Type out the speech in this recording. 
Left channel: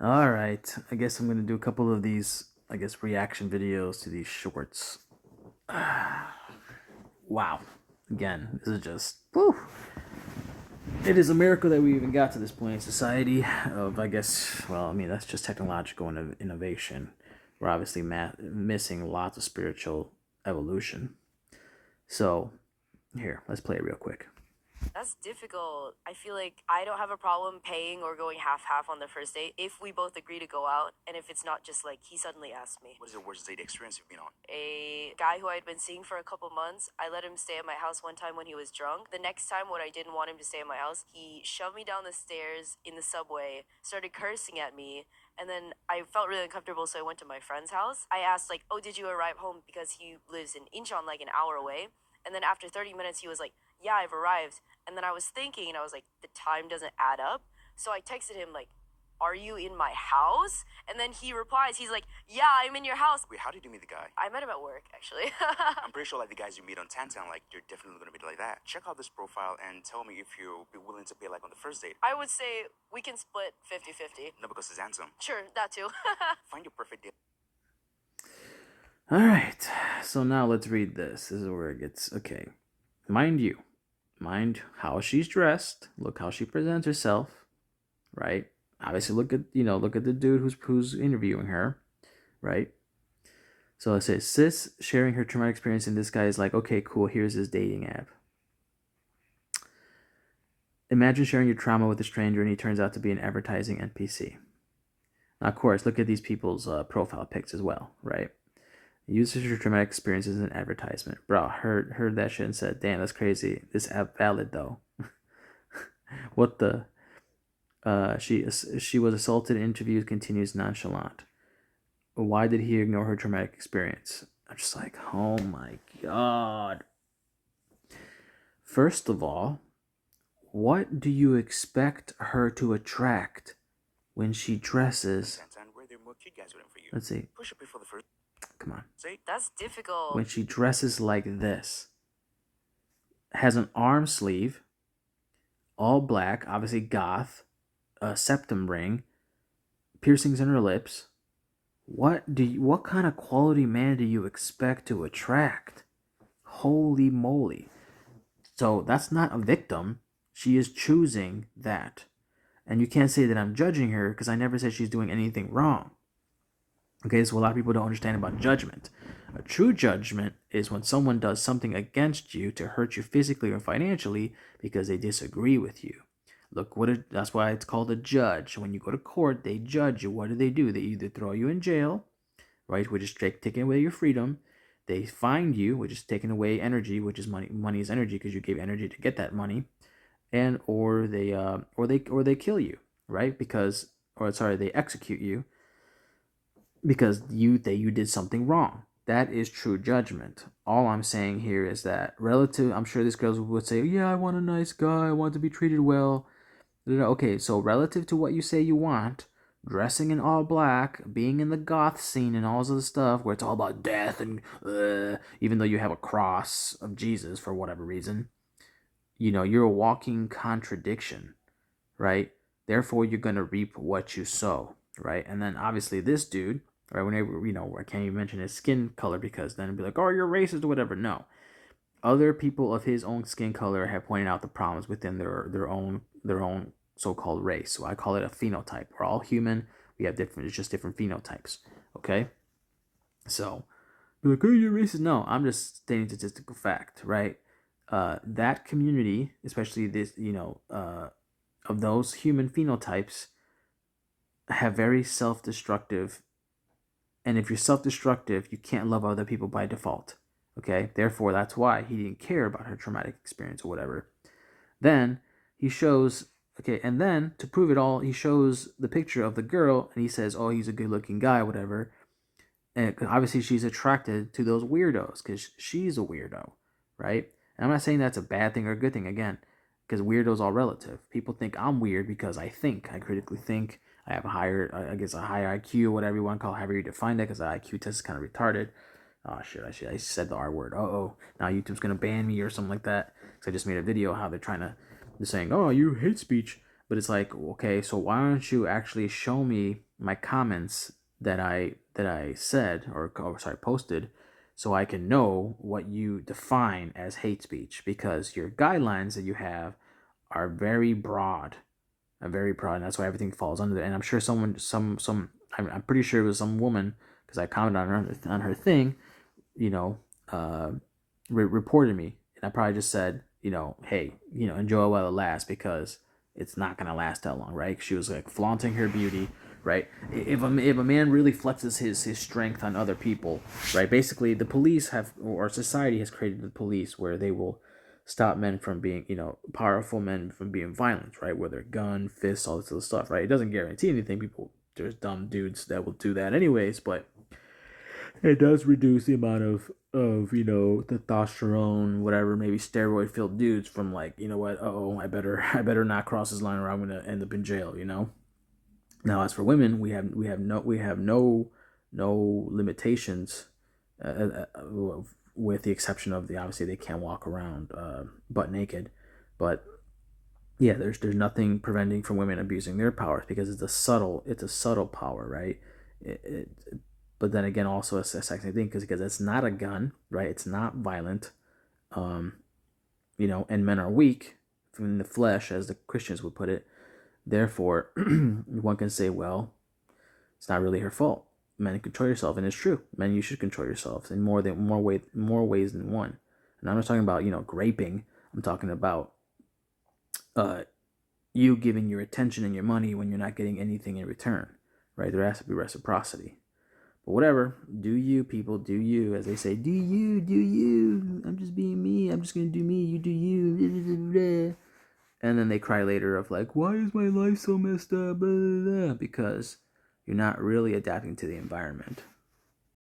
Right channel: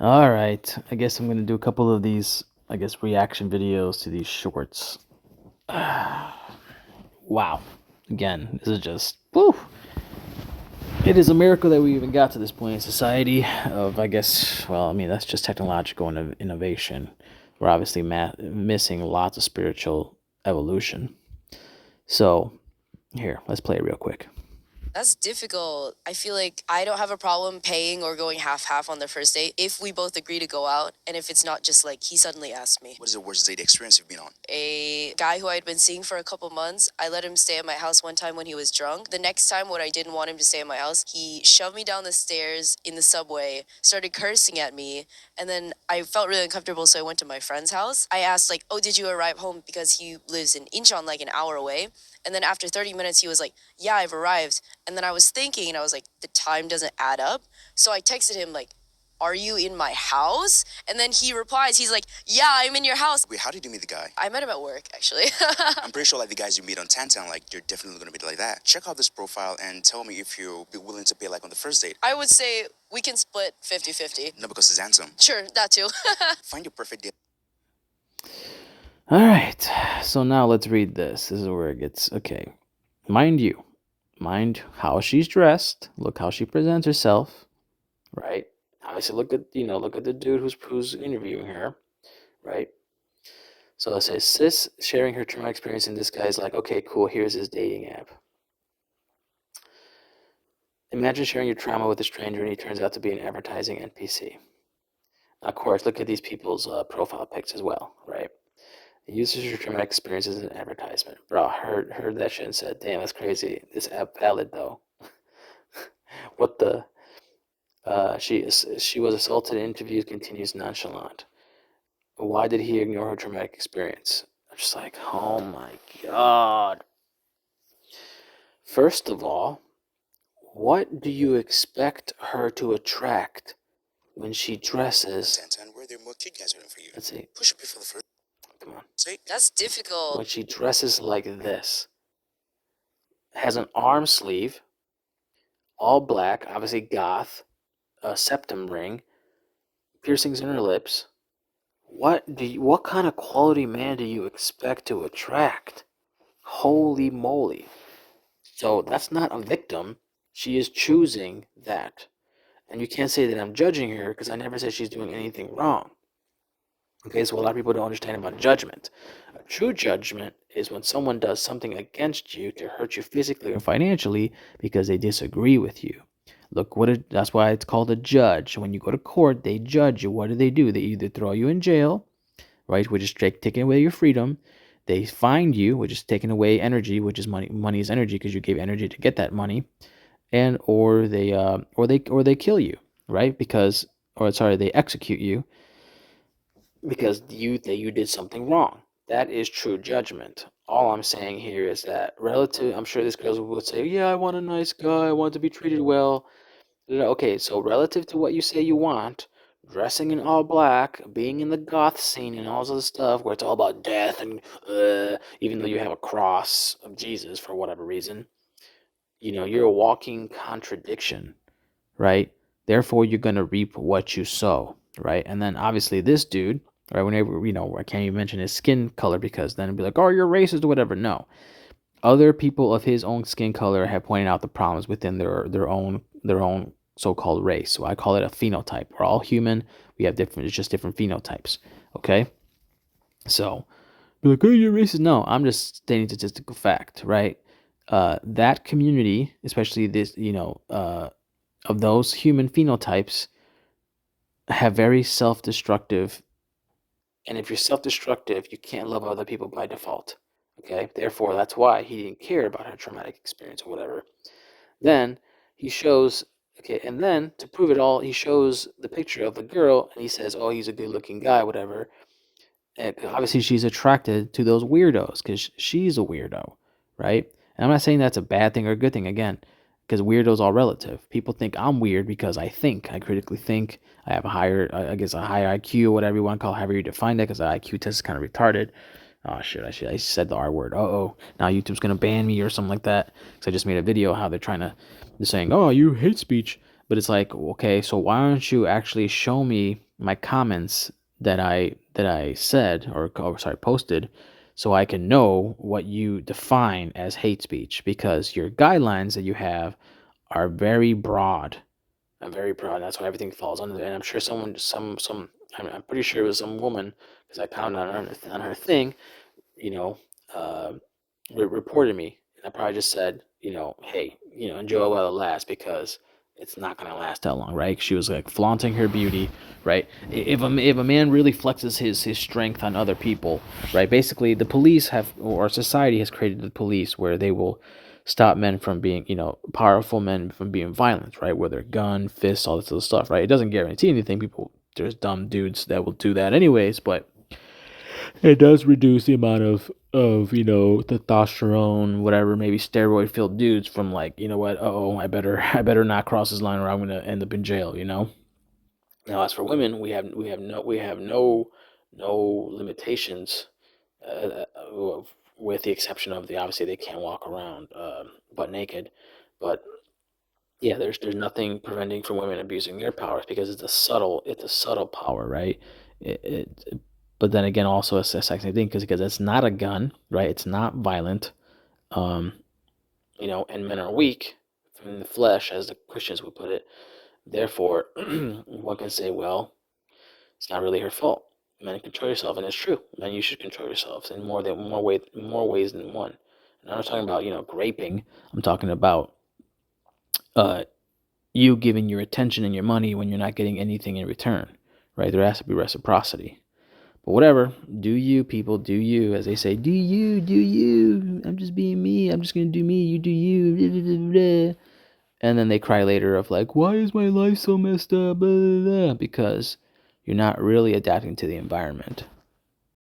All right. I guess I'm going to do a couple of these, I guess, reaction videos to these shorts. Wow. Again, this is just, woo. It is a miracle that we even got to this point in society of, I guess, well, I mean, that's just technological innovation. We're obviously missing lots of spiritual evolution. So, here, let's play it real quick. That's difficult. I feel like I don't have a problem paying or going half-half on the first date if we both agree to go out and if it's not just like he suddenly asked me. What is the worst date experience you've been on? A guy who I'd been seeing for a couple months, I let him stay at my house one time when he was drunk. The next time when I didn't want him to stay at my house, he shoved me down the stairs in the subway, started cursing at me, and then I felt really uncomfortable, so I went to my friend's house. I asked like, "Oh, did you arrive home?" because he lives in Incheon, like an hour away. And then after 30 minutes, he was like, "Yeah, I've arrived." And then I was thinking, and I was like, the time doesn't add up. So I texted him, like, "Are you in my house?" And then he replies, he's like, "Yeah, I'm in your house." Wait, how did you meet the guy? I met him at work, actually. I'm pretty sure like the guys you meet on Tantan, like you're definitely gonna be like that. Check out this profile and tell me if you'll be willing to pay like on the first date. I would say we can split 50-50. No, because he's handsome. Sure, that too. Find your perfect date. All right. So now let's read this. This is where it gets okay. Mind how she's dressed. Look how she presents herself, right? Obviously, look at the dude who's interviewing her, right? So it says sis sharing her traumatic experience, and this guy is like, okay, cool. Here's his dating app. Imagine sharing your trauma with a stranger, and he turns out to be an advertising NPC. Now, of course, look at these people's profile pics as well, right? Uses your traumatic experience as an advertisement. Bro, heard that shit and said, damn, that's crazy. This app valid though. What the? She was assaulted in interviews, continues nonchalant. Why did he ignore her traumatic experience? I'm just like, oh my god. First of all, what do you expect her to attract when she dresses? Tantan, where there are more cute guys waiting for you. Let's see. Push up before the first. Come on. Say. That's difficult. When she dresses like this, has an arm sleeve, all black, obviously goth, a septum ring, piercings in her lips. What kind of quality man do you expect to attract? Holy moly. So that's not a victim. She is choosing that. And you can't say that I'm judging her because I never said she's doing anything wrong. Okay, so a lot of people don't understand about judgment. A true judgment is when someone does something against you to hurt you physically or financially because they disagree with you. That's why it's called a judge. When you go to court, they judge you. What do? They either throw you in jail, right, which is taking away your freedom. They fine you, which is taking away energy, which is money. Money is energy because you gave energy to get that money, and or they kill you, right? They execute you because you did something wrong. That is true judgment. All I'm saying here is that relative. I'm sure this girl would say, "Yeah, I want a nice guy. I want to be treated well." Okay, so relative to what you say you want, dressing in all black, being in the goth scene and all this other stuff where it's all about death and even though you have a cross of Jesus for whatever reason, you're a walking contradiction, right? Therefore, you're going to reap what you sow, right? And then obviously this dude, right, whenever, I can't even mention his skin color because then it'd be like, oh, you're racist or whatever. No. Other people of his own skin color have pointed out the problems within their own so-called race. So I call it a phenotype. We're all human. We have it's just different phenotypes. Okay? So, be like, oh, you're racist. No, I'm just stating statistical fact, right? That community, especially this, of those human phenotypes, have very self-destructive. And if you're self-destructive, you can't love other people by default. Okay? Therefore, that's why he didn't care about her traumatic experience or whatever. Then he shows, okay, and then to prove it all, he shows the picture of the girl and he says, oh, he's a good looking guy, whatever. And obviously, she's attracted to those weirdos because she's a weirdo, right? And I'm not saying that's a bad thing or a good thing, again, because weirdos are relative. People think I'm weird because I critically think. I have a higher, I guess, a higher IQ, whatever you want to call it, however you define that, because the IQ test is kind of retarded. Oh shit! I said the R word. Now YouTube's gonna ban me or something like that. Because I just made a video how they're saying, oh, you hate speech, but it's like, okay, so why don't you actually show me my comments that I said or sorry posted, so I can know what you define as hate speech, because your guidelines that you have are very broad. I'm very broad, and that's why everything falls under it. And I'm sure someone, I'm pretty sure it was some woman, because I commented on her thing, you know, uh, reported me, and I probably just said, hey, enjoy it while it lasts, because it's not gonna last that long, right? She was like flaunting her beauty, right? If a man really flexes his strength on other people, right? Basically, the police have, or society has created the police where they will stop men from being, powerful men from being violent, right? Whether gun, fists, all this other stuff, right? It doesn't guarantee anything. People, there's dumb dudes that will do that anyways, but it does reduce the amount of testosterone, whatever, maybe steroid filled dudes from, like, what, oh, I better not cross this line or I'm gonna end up in jail. Now, as for women, we have no limitations, with the exception of, the obviously they can't walk around butt naked, but yeah, there's nothing preventing from women abusing their powers, because it's a subtle power, right? But then again, also a sexy thing, because it's not a gun, right? It's not violent, um, and men are weak in the flesh, as the Christians would put it. Therefore, one can say, well, it's not really her fault. Men, control yourself, and it's true. Men, you should control yourselves in more ways than one. And I'm not talking about graping. I'm talking about uh, you giving your attention and your money when you're not getting anything in return, right? There has to be reciprocity. But whatever, do you, people, do you, as they say, do you. I'm just being me. I'm just gonna do me. You do you. And then they cry later of like, why is my life so messed up? Because you're not really adapting to the environment.